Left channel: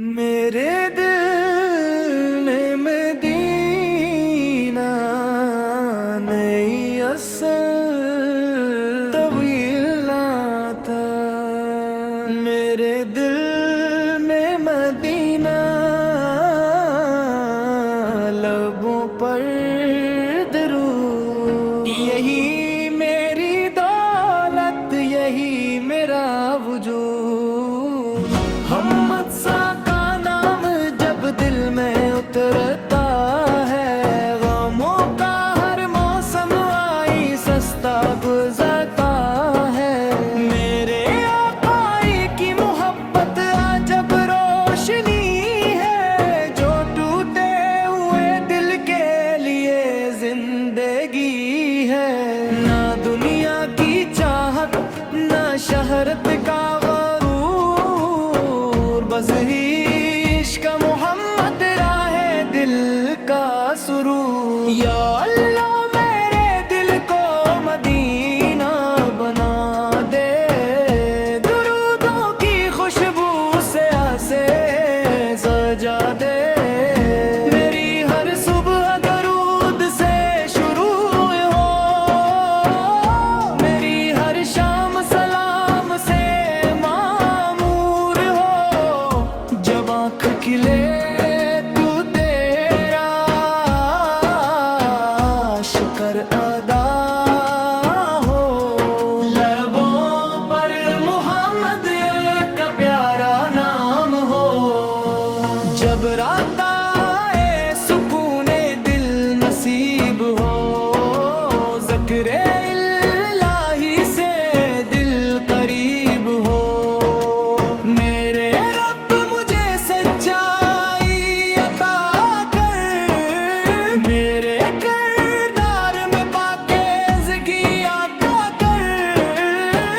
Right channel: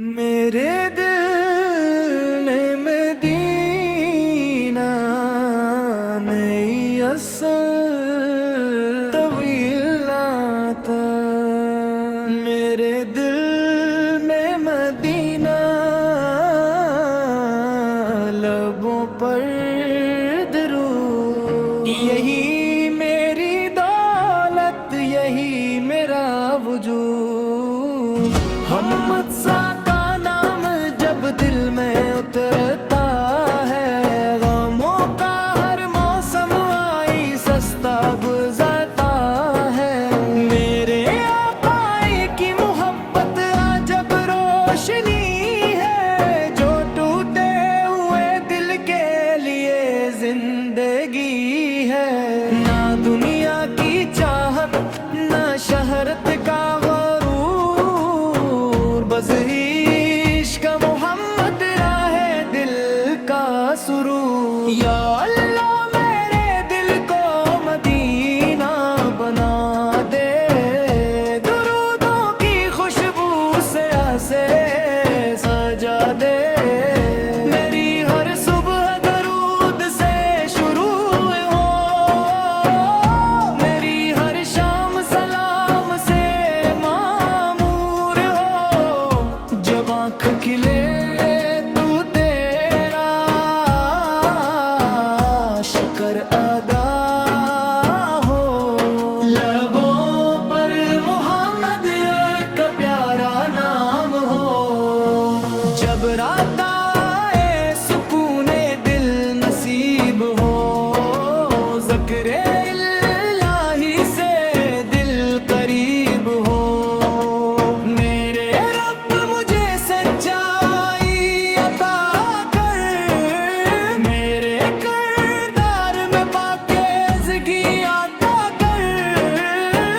میرے دل نے مدینہ نہیں اصل طویل آتا، میرے دل میں مدینہ لبوں پر درود، یہی میری دولت، یہی میرا وجود۔ محمد سا کا نام جب دل میں اترتا ہے، غموں کا ہر موسم آئی سستا گزرتا ہے۔ میرے آقا کی محبت عجب روشنی ہے، جو ٹوٹے ہوئے دل کے لیے زندگی ہے۔ نہ دنیا کی چاہت، نہ شہرت کا غرور، بس عشق محمد راہ دل کا سرور۔ یا اللہ میرے دل کو مدینہ بنا دے، درودوں کی خوشبو سے اسے سجا دے۔ میری ہر صبح درود سے شروع ہو، میری ہر شام سلام سے معمور ہو۔ جب آنکھ کھلے تو تیرا شکر ادا ہو، لبوں پر محمد کا پیارا نام ہو۔ جب رات آئے سکون دل نصیب ہو، ذکر الہی سے دل قریب ہو۔ میرے رب مجھے سچائی عطا کر، میرے کردار میں پاکیزگی عطا کر۔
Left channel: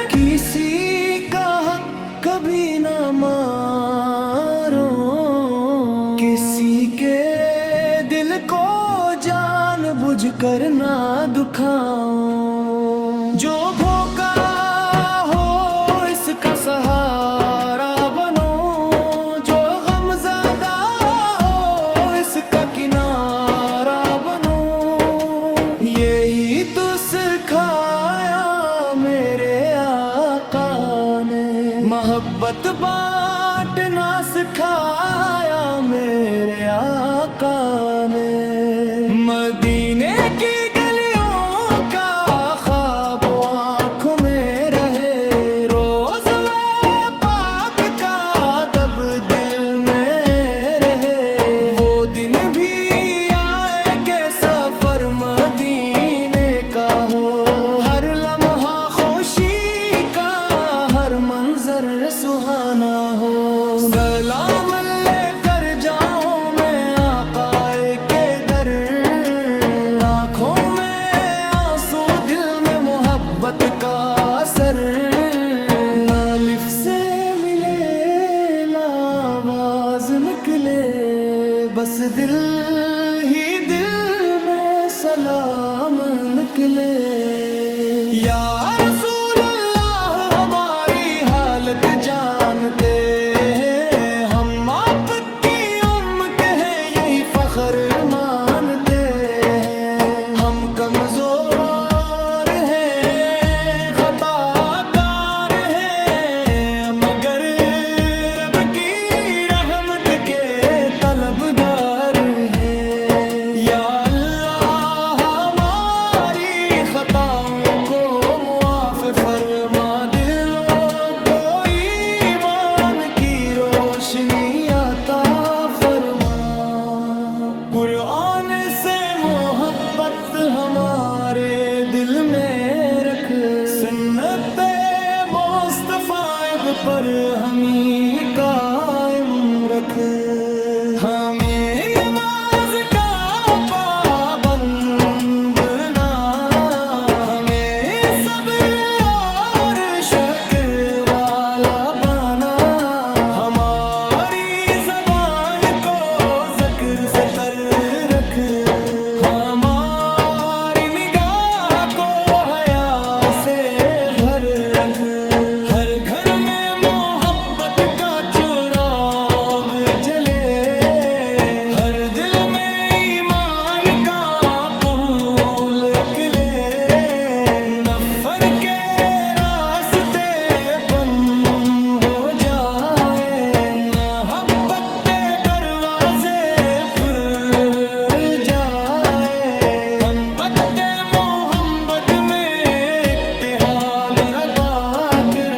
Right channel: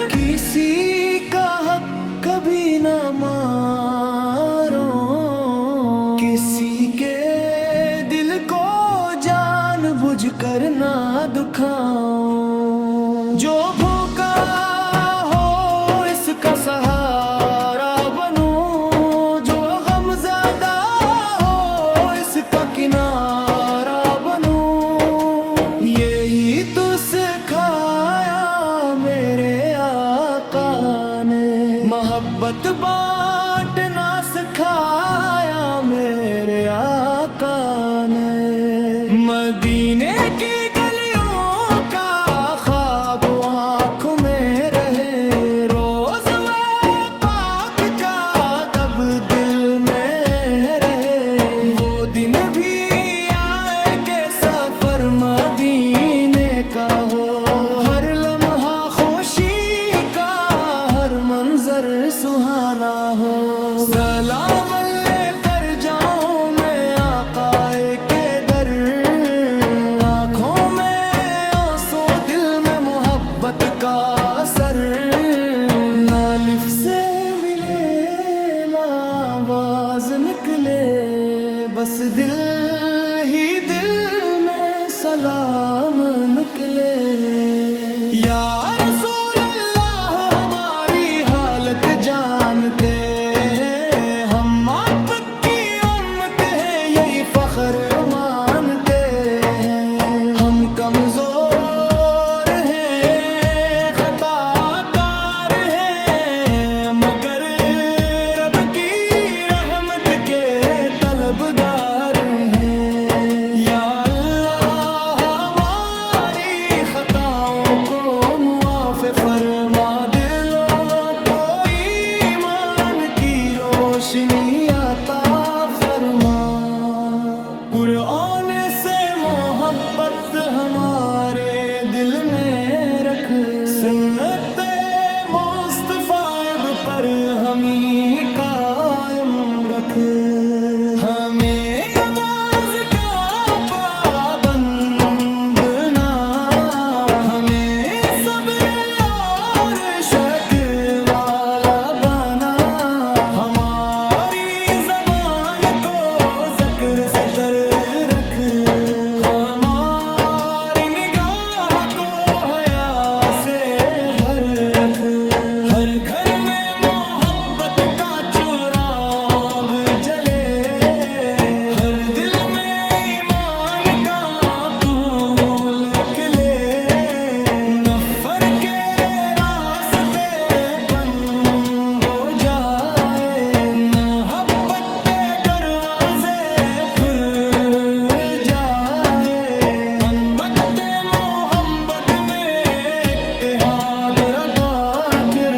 کسی کا حق کبھی نہ مارو، کسی کے دل کو جان بوجھ کر نہ دکھاؤ۔ جو بھوکا ہو اس کا سہارا بنو، جو غم زدہ ہو اس کا کنارہ بنو۔ یہی تو سکھایا میرے آقا نے، محبت بانٹنا سکھایا میرے آقا نے۔ مدینے کی گلیوں کا خواب آنکھوں میں رہے، روز وہ پاک کا ادب دل میں رہے۔ وہ دن بھی آئے کہ سفر مدینے کا ہو، ہر لمحہ خوشی کا، ہر منظر سہانا ہو۔ سلام لے کر جاؤں میں آقا کے در، آنکھوں میں آنسو دل میں محبت کا اثر۔ نہ لفظ سے ملے لا آواز نکلے، بس دل ہی دل میں سلام نکلے۔ یا رسول اللہ ہماری حالت جانتے ہیں، ہم آپ کی امت ہیں یہی فخر مانتے ہیں۔ ہم کمزور ہیں، خطا کار ہیں، مگر رب کی رحمت کے طلبگار ہیں۔ یا اللہ ہماری خطاؤں کو معاف فرما، دلوں کو ایمان کی روشنی عطا فرما۔ قرآن سے محبت ہمارے دل میں رکھ، سنت مصطفیٰ پر ہمیں قائم رکھ۔ ہمیں نماز کا پابند نہ، ہمیں صبر اور شکر والا بنا۔ ہماری زبان کو ذکر سے تر رکھ، ہماری نگاہ کو حیا سے بھر رکھ۔ ہر گھر میں محبت کا چراغ جلے، ہر دل میں ایمان کا پھول کھلے، نفر کے راستے بند ہو جائے، محبت کے دروازے کھل جائے، محبت محمد میں اتحاد ربا کر،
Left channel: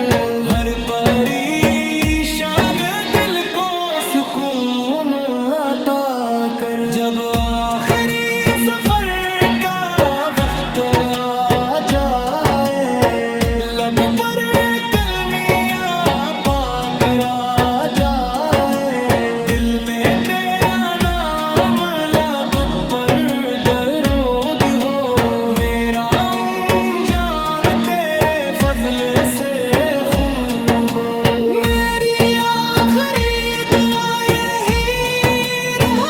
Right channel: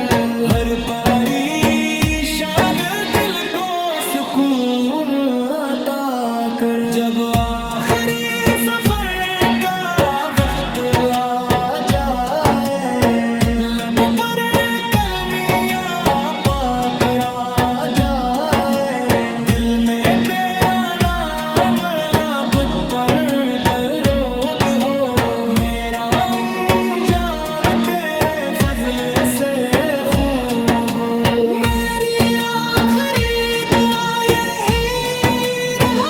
ہر پریشان دل کو سکون عطا کر، جب آخری سفر کا وقت آ جائے، لب پر کلمیاں پاک را جائے، دل میں تیرا نام لب پر درود ہو، میرا جان تیرے فضل سے خوب ہو، میری آخری دعا یہی رہے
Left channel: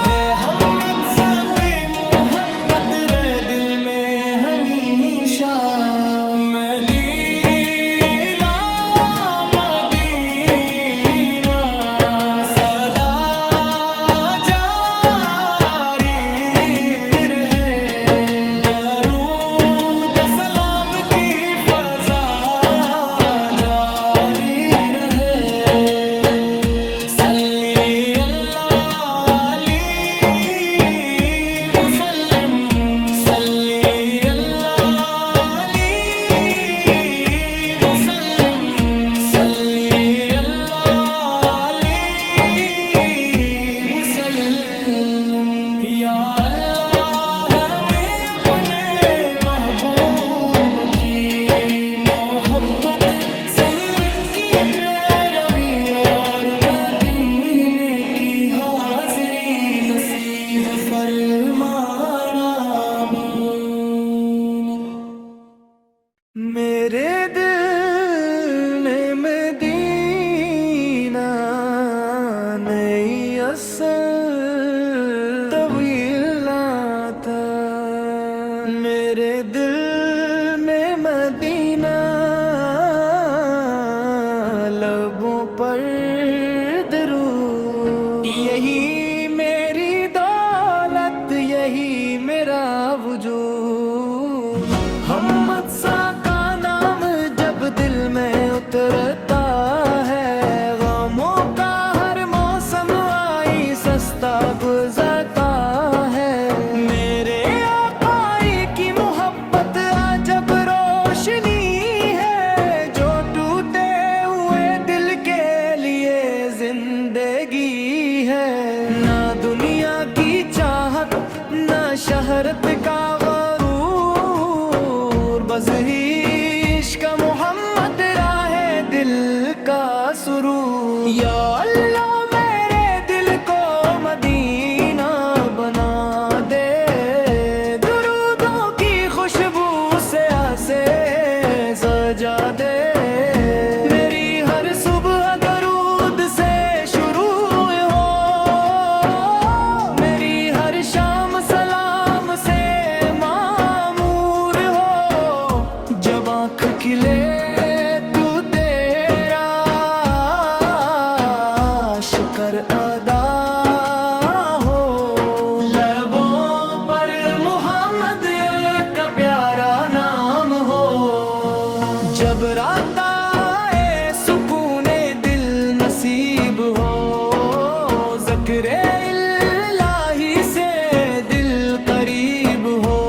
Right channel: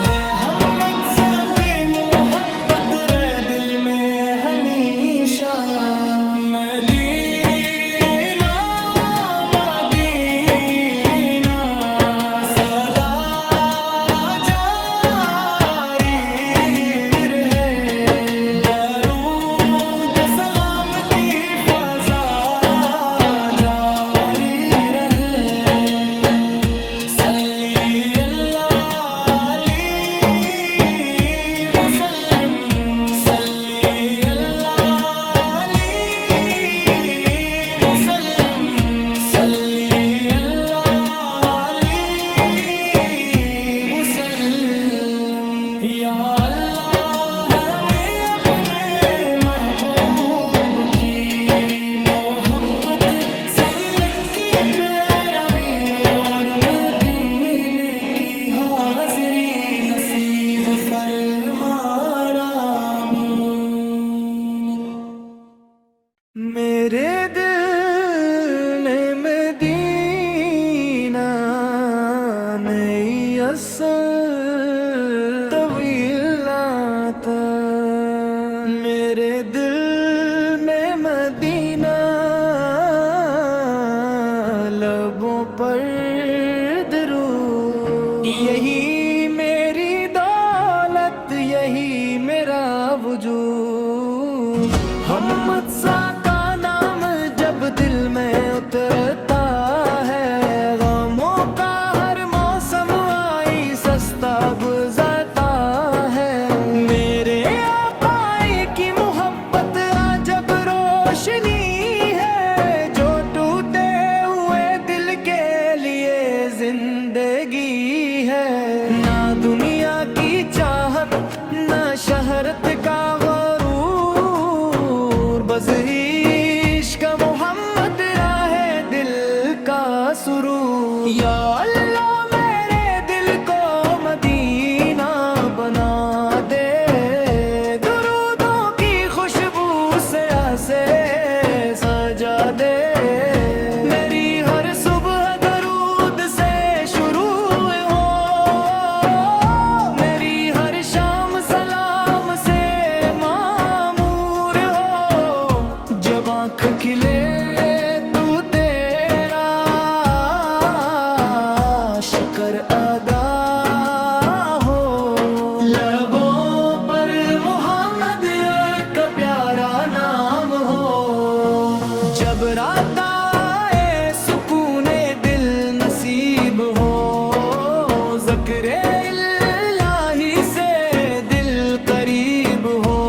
محمد ذبِ محبت رہے دل میں ہمیشہ، مدینہ مدینہ صدا جاری رہے، درود و سلام کی فضا جاری رہے، صلی اللہ علیہ وسلم، صلی اللہ علیہ وسلم، صلی اللہ علیہ وسلم، یا اللہ ہمیں اپنے محبوب کی محبت، سنت کی پیروی اور مدینے کی حاضری نصیب فرما، آمین۔ میرے دل نے مدینہ نہیں اصل طویل تھا، میرے دل میں مدینہ لبوں پر درود، یہی میری دولت، یہی میرا وجود، محمد سا کا نام جب دل میں اترتا ہے، غموں کا ہر موسم آئی سستا گزرتا ہے، میرے آقا کی محبت عجب روشنی ہے، جو ٹوٹے ہوئے دل کے لیے زندگی ہے، نہ دنیا کی چاہت نہ شہرت کا غرور، بس عشق محمد راہ دل کا سرور، یا اللہ میرے دل کو مدینہ بنا دے، درودوں کی خوشبو سے اسے سجا دے، میری ہر صبح درود سے شروع ہو، میری ہر شام سلام سے معمور ہو، جب آنکھ کھلے تو تیرا شکر ادا ہو، لبوں پر محمد کا پیارا نام ہو، جب رات آئے سکون دل نصیب ہو، ذکر الہی سے دل قریب ہو،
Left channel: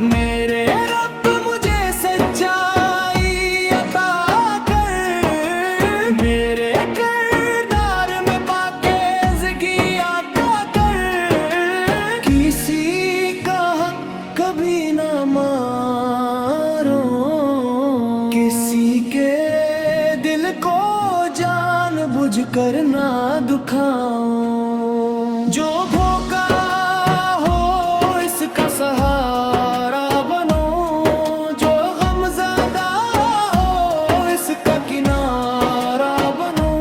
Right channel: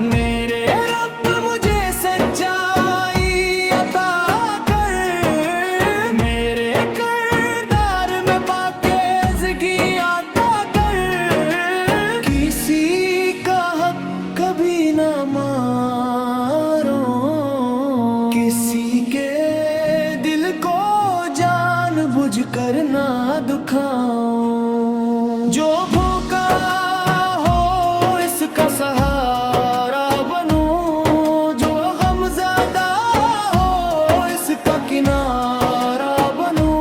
میرے رب مجھے سچائی عطا کر، میرے کردار میں پاکیزگی عطا کر، کسی کا حق کبھی نہ مارو، کسی کے دل کو جان بوجھ کر نہ دکھاؤ، جو بھوکا ہو اس کا سہارا بنو، جو غم زدہ ہو اس کا کنارہ بنو،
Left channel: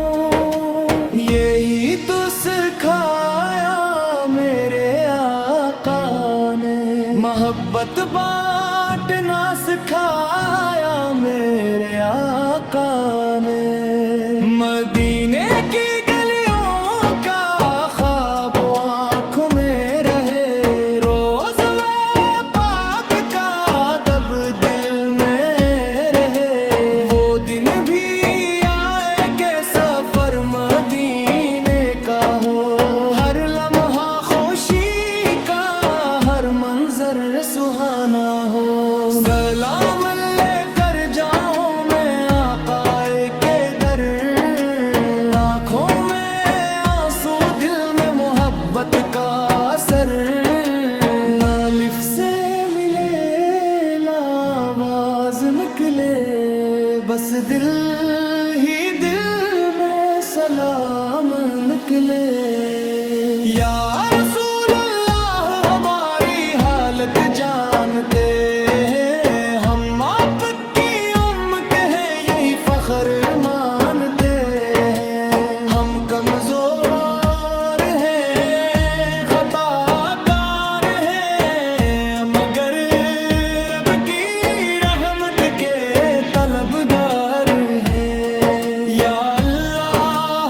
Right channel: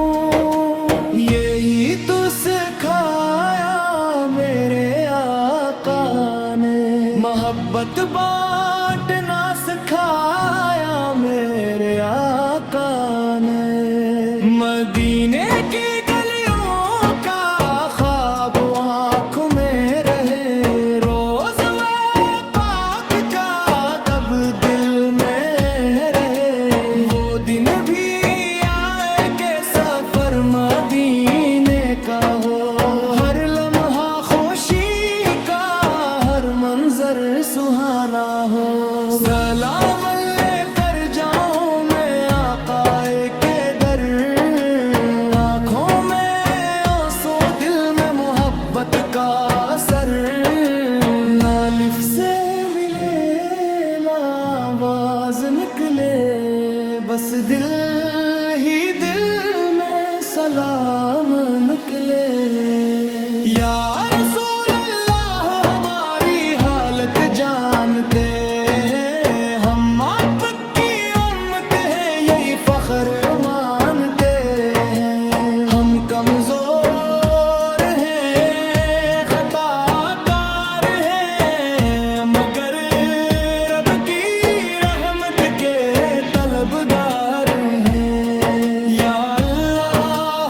یہی تو سکھایا میرے آقا نے، محبت بانٹنا سکھایا میرے آقا نے، مدینے کی گلیوں کا خواب آنکھوں میں رہے، روز وہ پاک کا ادب دل میں رہے، وہ دن بھی آئے کہ سفر مدینے کا ہو، ہر لمحہ خوشی کا، ہر منظر سہانا ہو، سلام لے کر جاؤں میں آقا کے در، آنکھوں میں آنسو دل میں محبت کا اثر، نہ لفظ سے ملے لا آواز نکلے، بس دل ہی دل میں سلام نکلے، یا رسول اللہ ہماری حالت جانتے ہیں، ہم آپ کی امت ہیں یہی فخر مانتے ہیں، ہم کمزور ہیں خطا کار ہیں، مگر رب کی رحمت کے طلبگار ہیں، یا اللہ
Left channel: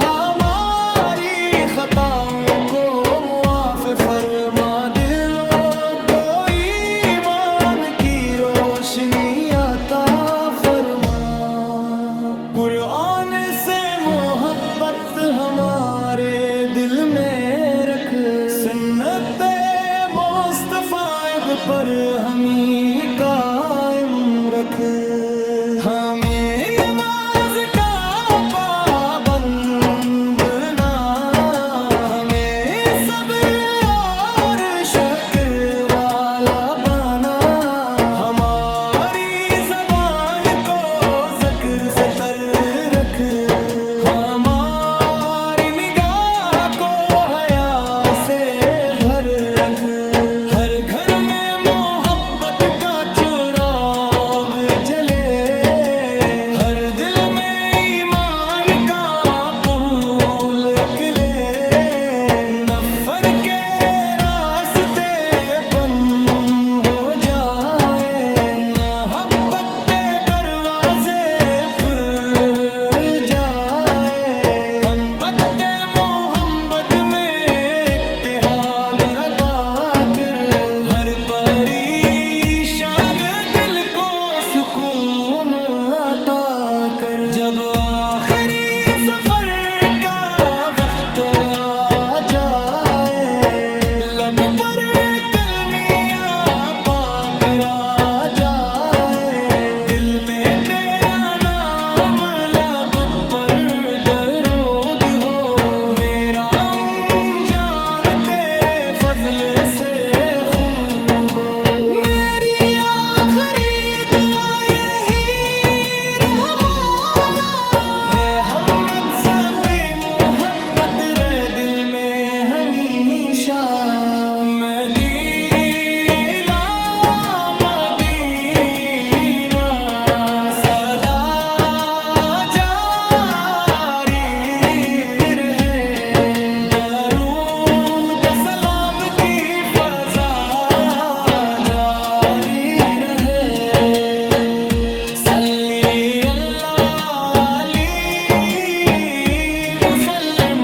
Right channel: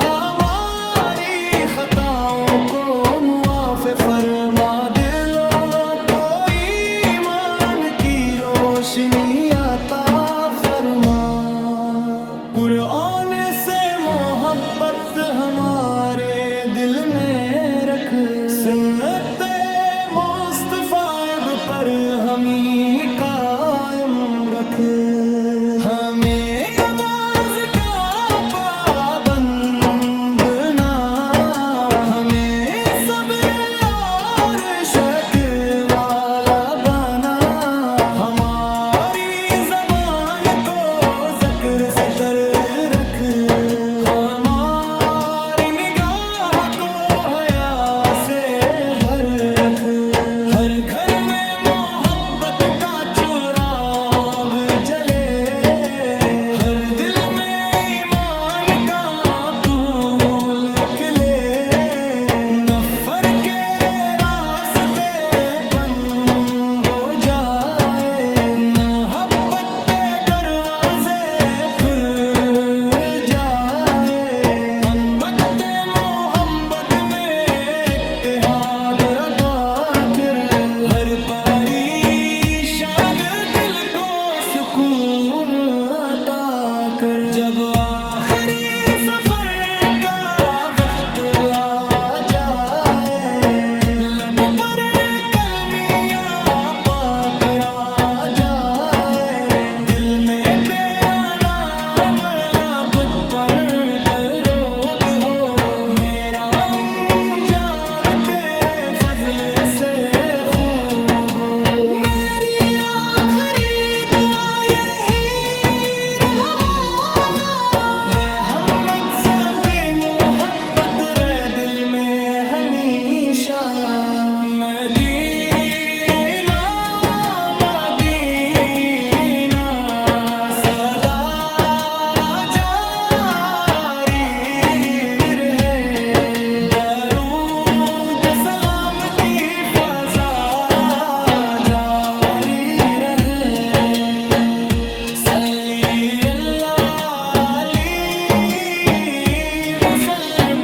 ہماری خطاؤں کو معاف فرما، دلوں کو ایمان کی روشنی عطا فرما، قرآن سے محبت ہمارے دل میں رکھ، سنت مصطفیٰ پر ہمیں قائم رکھ، ہمیں نماز کا پابند نہ، ہمیں صبر اور شکر والا بنا، ہماری زبان کو ذکر سے تر رکھ، ہماری نگاہ کو حیا سے بھر رکھ، ہر گھر میں محبت کا چراغ جلے، ہر دل میں ایمان کا پھول کھلے، نفر کے راستے بند ہو جائے، محبت کے دروازے کھل جائے، محبت محمد میں اتحاد ربا کر، ہر پریشان دل کو سکون عطا کر، جب آخری سفر کا وقت آ جائے، لب پر کلمیاں پاک آ جائے، دل میں تیرا نام لب پر درود ہو، میرا جان تیرے فضل سے خوب ہو، میری آخری دعا یہی رحمانا، رحمت زبی محبت رہ دل میں ہمیشہ، مدینہ مدینہ صدا جاری رہے، درود و سلام کی فضا جاری رہے، صلی اللہ علیہ وسلم،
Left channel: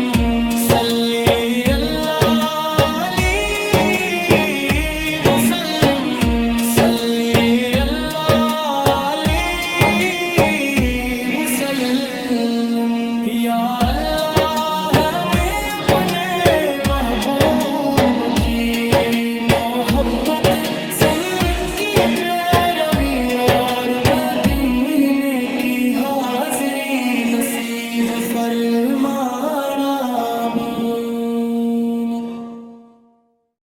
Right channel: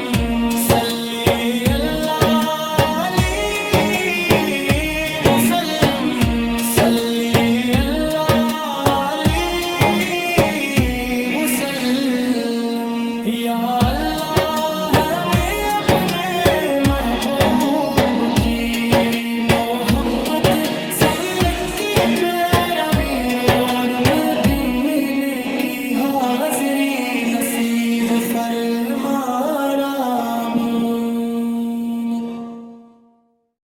صلی اللہ علیہ وسلم، صلی اللہ علیہ وسلم، یا اللہ ہمیں اپنے محبوب کی محبت، سنت کی پیروی اور مدینے کی حاضری نصیب فرما، آمین۔